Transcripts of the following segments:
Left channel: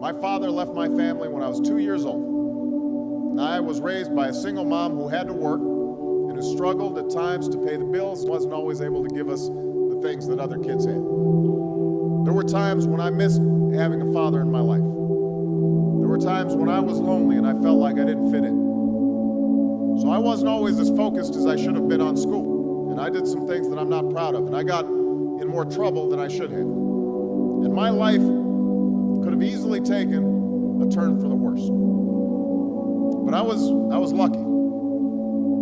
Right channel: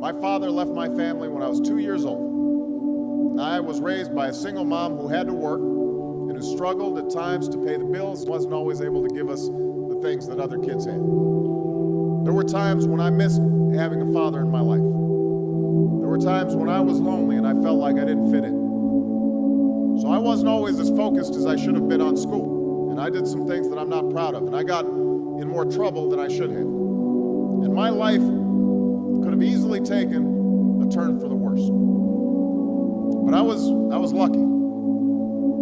My father left my family when I was 2 years old. And I was raised by a single mom who had to work and who struggled at times to pay the bills and wasn't always able to give us the things that other kids had. There were times when I missed having a father in my life. There were times when I was lonely and I felt like I didn't fit in. So I wasn't always as focused as I should have been on school. And I did some things that I'm not proud of. And I got in more trouble than I should have. And my life could have easily taken a turn for the worse. But I was lucky.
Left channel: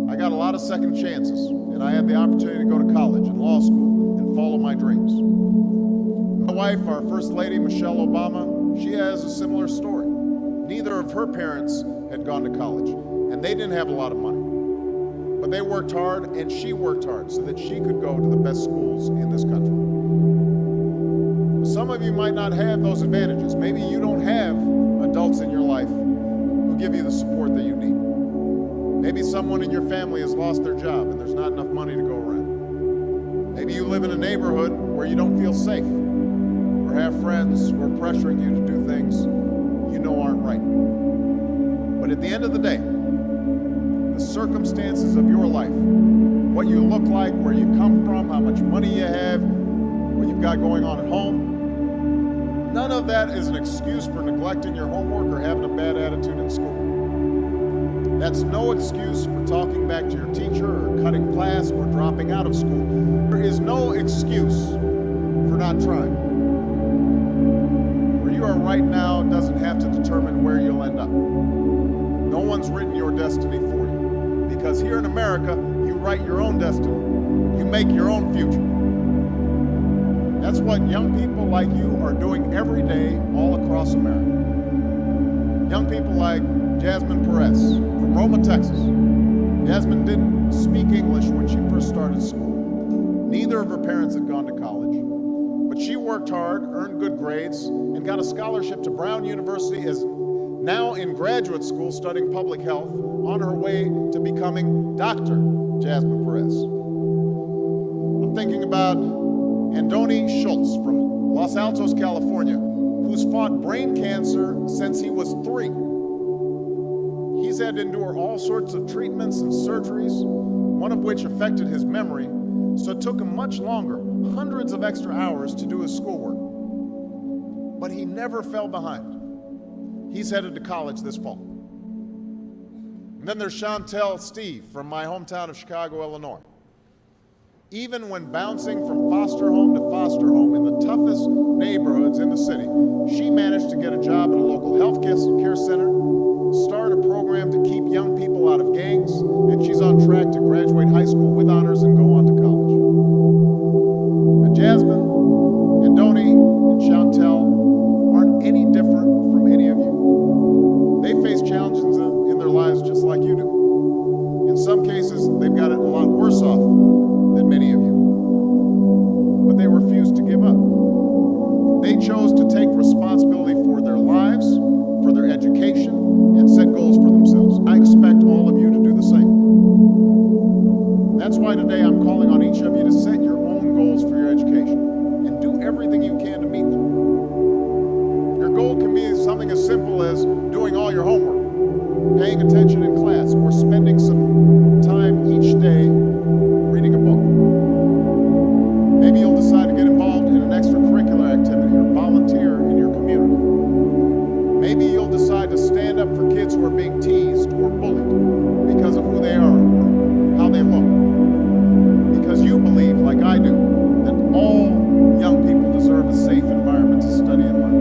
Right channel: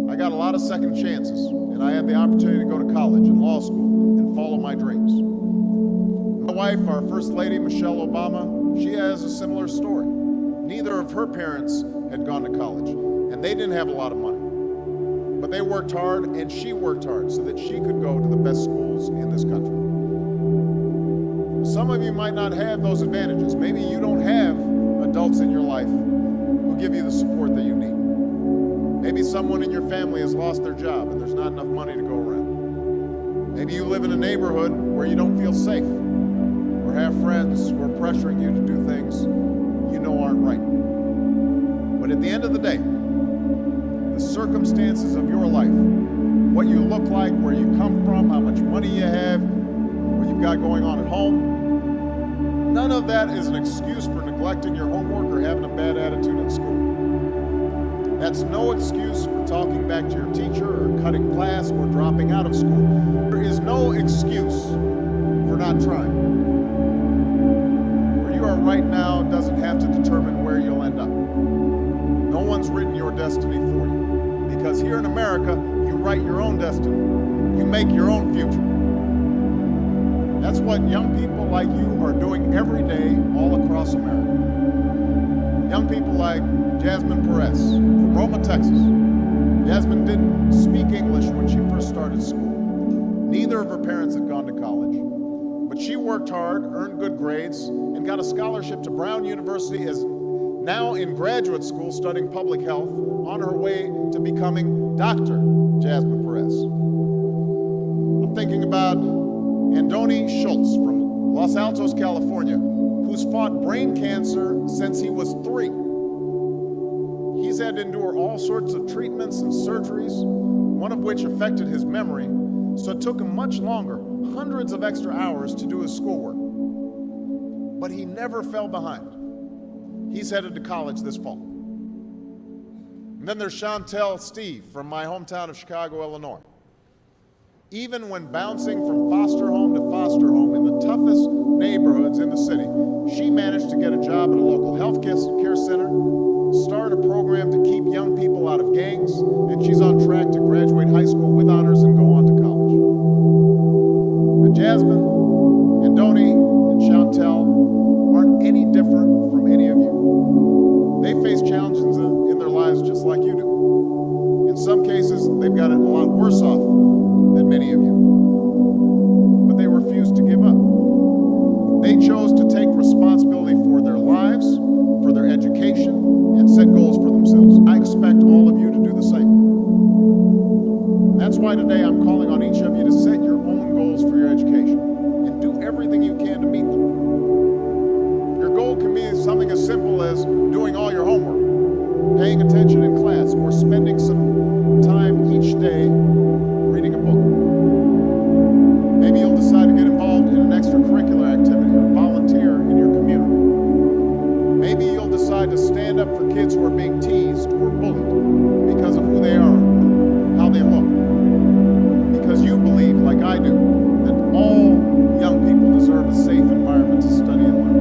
I got a lot of second chances, and I had the opportunity to go to college and law school and follow my dreams. My wife, our First Lady, Michelle Obama, she has a similar story. Neither of her parents had gone to college, and they didn't have a lot of money. But they worked hard, and she worked hard so that she could go to the best schools in this country. Some of you might not have those advantages. Maybe you don't have adults in your life who give you the support that you need. Maybe someone in your family has lost their job and there's not enough money to go around. Maybe you live in a neighborhood where you don't feel safe, or have friends who are pressuring you to do things you know aren't right. But at the end of the day, the circumstances of your life, what you look like, where you come from, how much money you have, what you've got going on at home, none of that is an excuse for neglecting your homework or having a bad attitude in school. That's no excuse for talking back to your teacher or cutting class or dropping out of school. There is no excuse for not trying. Where you are right now doesn't have to determine where you'll end up. No one's written your destiny for you. Because here in America, you write your own destiny. You make your own future. That's what young people like you are doing every day all across America. Young people like Jasmine Perez from Roma, Texas. Jasmine didn't speak English when she first started school. Neither of her parents had gone to college, but she worked hard, earned good grades, and got a scholarship to Brown University, as now in graduate school studying public health, on her way to becoming Dr. Jasmine Perez. I'm thinking about Andoni Schultz from Los Altos, California, who's fought brain cancer since he was 3. He's had to endure all sorts of treatments and surgeries, one of which affected his memory, so it took him much longer, hundreds of extra hours, to do his schoolwork. But he never fell behind. He's headed to college this fall. And then there's Chantel Steve from my hometown of Chicago, Illinois. Even when bouncing from foster home to foster home in the toughest neighborhoods in the city, she managed to get a job at a local health care center, start a program to keep young people out of gangs, and she's on track to graduate high school with honors and go on to college. But Jasmine, Andoni, and Chantel aren't any different from any of you. They face challenges in their lives just like you do. In some cases, they've got it a lot worse off than many of you. But they refuse to give up. They chose to take responsibility for their lives, for their education, and set goals for themselves. I expect all of you to do the same. That's why today I'm calling on each of you to set your own goals for your education and do everything you can to meet them. Your goal can be something as simple as doing all your homework, paying attention in class, or spending some time each day reading a book. Maybe you'll decide to get involved in an extracurricular activity or volunteer in your community. Maybe you'll decide to stand up for kids who are being teased or bullied because of who they are or how they look. Because you believe, like I do, that all young people deserve a safe environment to study and learn.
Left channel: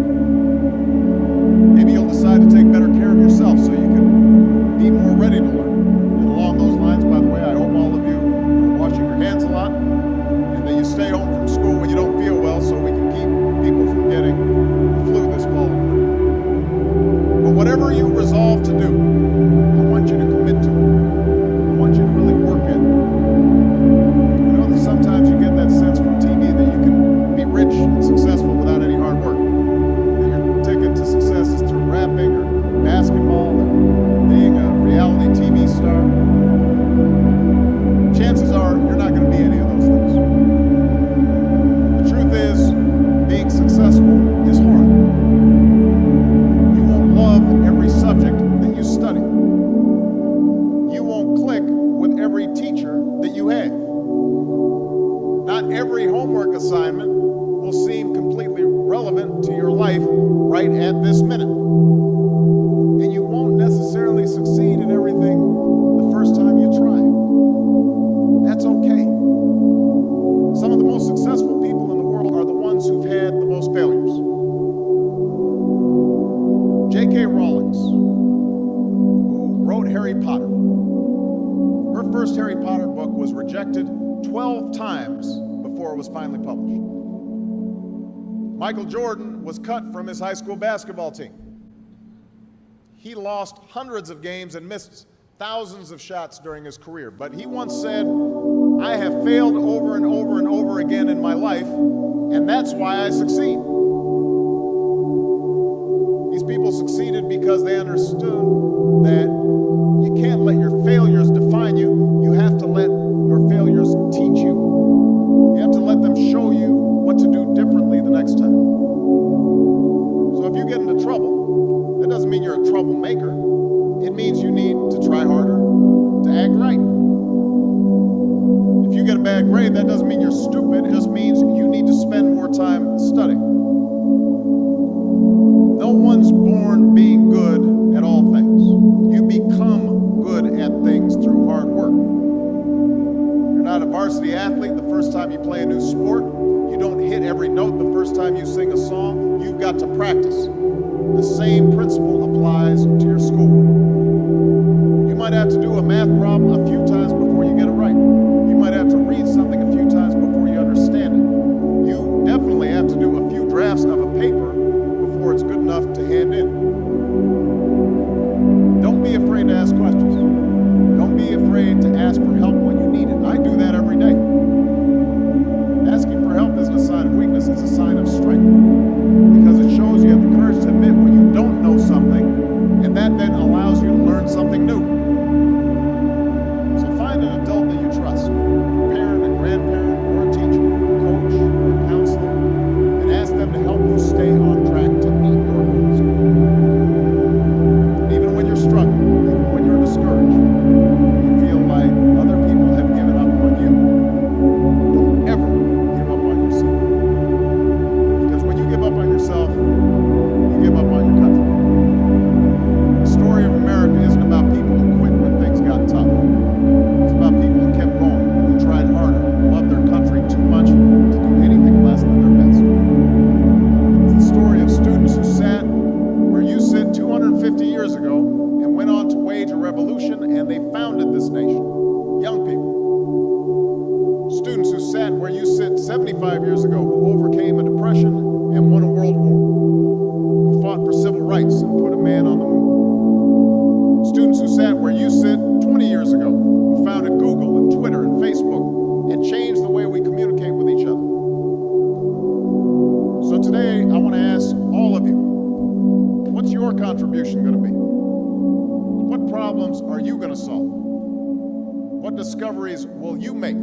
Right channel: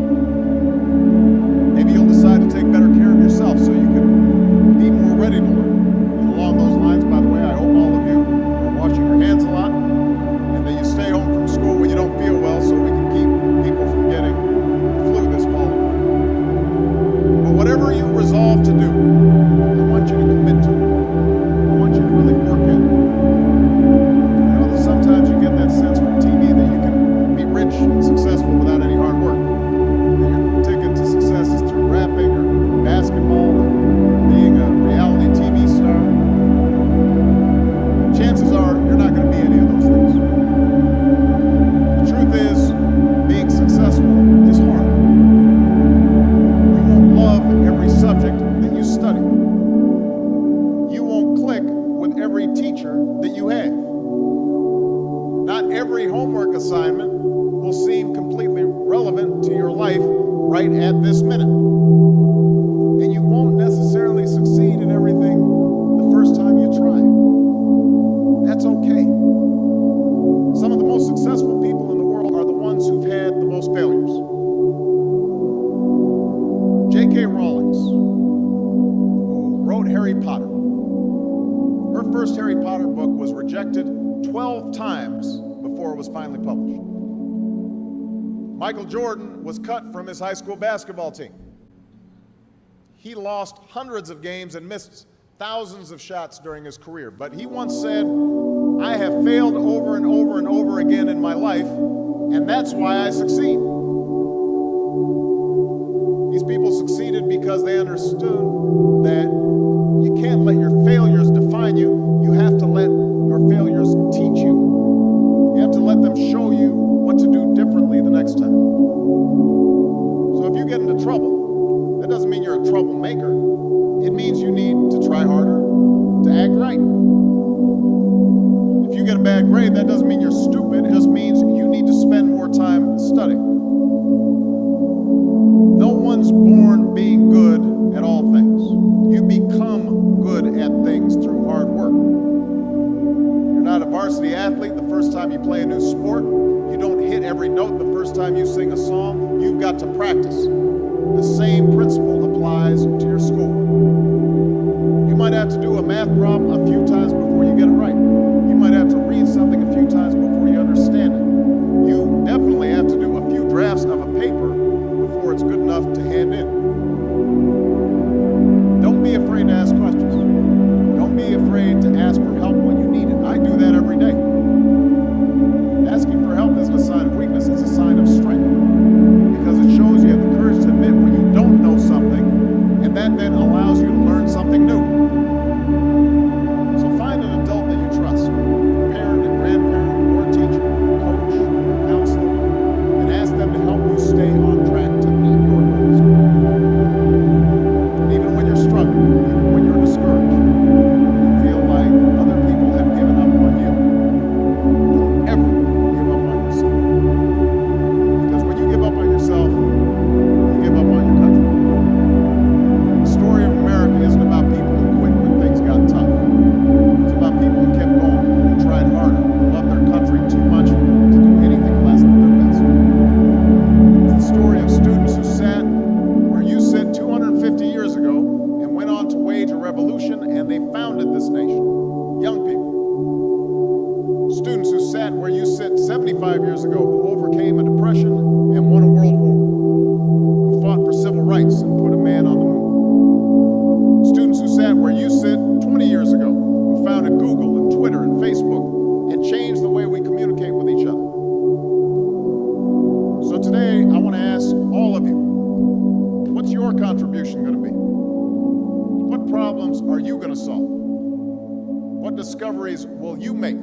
Maybe you'll decide to take better care of yourself so you can be more ready to learn. And along those lines, by the way, I hope all of you are washing your hands a lot and that you stay home from school when you don't feel well so we can keep people from getting the flu this fall and winter. But whatever you resolve to do, I want you to commit to it. I want you to really work at it. I know that sometimes you get that sense from TV that you can be rich and successful without any hard work. That your ticket to success is through rapping or basketball or being a reality TV star. Chances are you're not going to be any of those things. The truth is, being successful is hard. every subject that you study. You won't click with every teacher that you have. Not every homework assignment will seem completely relevant to your life right at this minute. And you won't necessarily succeed at everything the first time you try. That's okay. Some of the most successful people in the world are the ones who've had the most failures. J.K. Rowling, who wrote Harry Potter, her first Harry Potter book was rejected 12 times before it was finally published. Michael Jordan was cut from his high school basketball team. He lost hundreds of games and missed thousands of shots during his career. But he once said, "I have failed over and over and over again in my life, and that's why I succeed." These people succeeded because they understood that you can't let your failures define you. You have to let your failures teach you. You have to let them show you what to do differently the next time. So if you get into trouble, that doesn't mean you're a troublemaker. It means you need to try harder to act right. If you get a bad grade, that doesn't mean you're stupid. It just means you need to spend more time studying. No one's born being good at all things. You become good at things through hard work. You're not a varsity athlete the first time you play a new sport. You don't hit every note the first time you sing a song. You've got to practice. The same principle applies to your schoolwork. You might have to do a math problem a few times before you get it right. You might have to read something a few times before you understand it. You definitely have to do a few drafts of a paper before it's good enough to hand in. Don't be afraid to ask questions. Don't be afraid to ask for help when you need it. I do that every day. Asking for help isn't a sign of weakness, it's a sign of strength. Because it shows you have the courage to admit when you don't know something, and that then allows you to learn something new. So find an adult that you trust, a parent, a grandparent, or a teacher, a coach, or a counselor, and ask them to help you stay on track to meet your goals. Even when you're struggling, even when you're discouraged, you feel like other people have given up on you, don't ever give up on yourself. Because when you give up on yourself, you give up on your country. The story of America isn't about people who quit when things got tough. It's about people who kept going, who tried harder, who loved their country too much to do anything less than their best. It's the story of students who sat where you sit 250 years ago and went on to wage a revolution, and they founded this nation. Young people. Students who sat where you sit 75 years ago, who overcame a depression and won a world war, who fought for civil rights and put a man on the moon. Students who sat where you sit 20 years ago, who founded Google and Twitter and Facebook and changed the way we communicate with each other. So today, I want to ask all of you, what's your contribution going to be? What problems are you going to solve? What discoveries will you make